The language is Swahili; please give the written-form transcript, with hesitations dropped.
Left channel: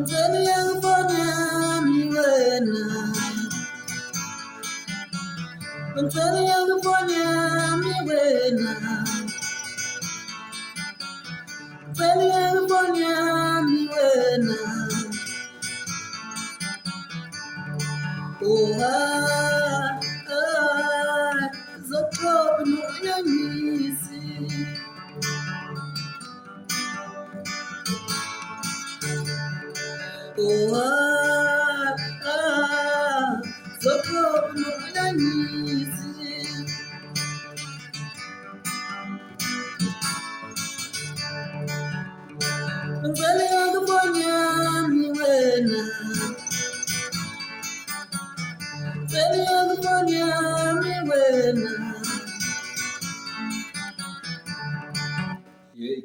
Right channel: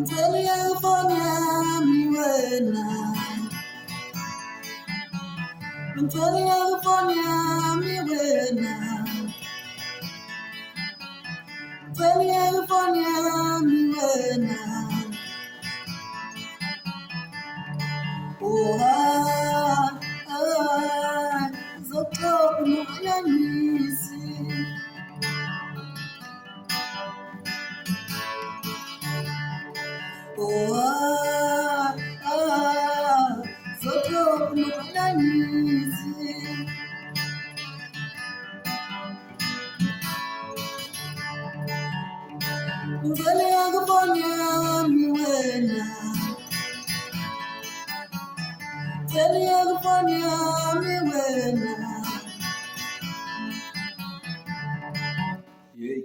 Mtemi yakufanya miwena, mtemi yakufanya miwena, mtemi yakufanya miwena. Oh zoko no yanyisi. Oh zoko no yanyisi. Mtemi yakufanya miwena, mtemi yakufanya miwena. Yay.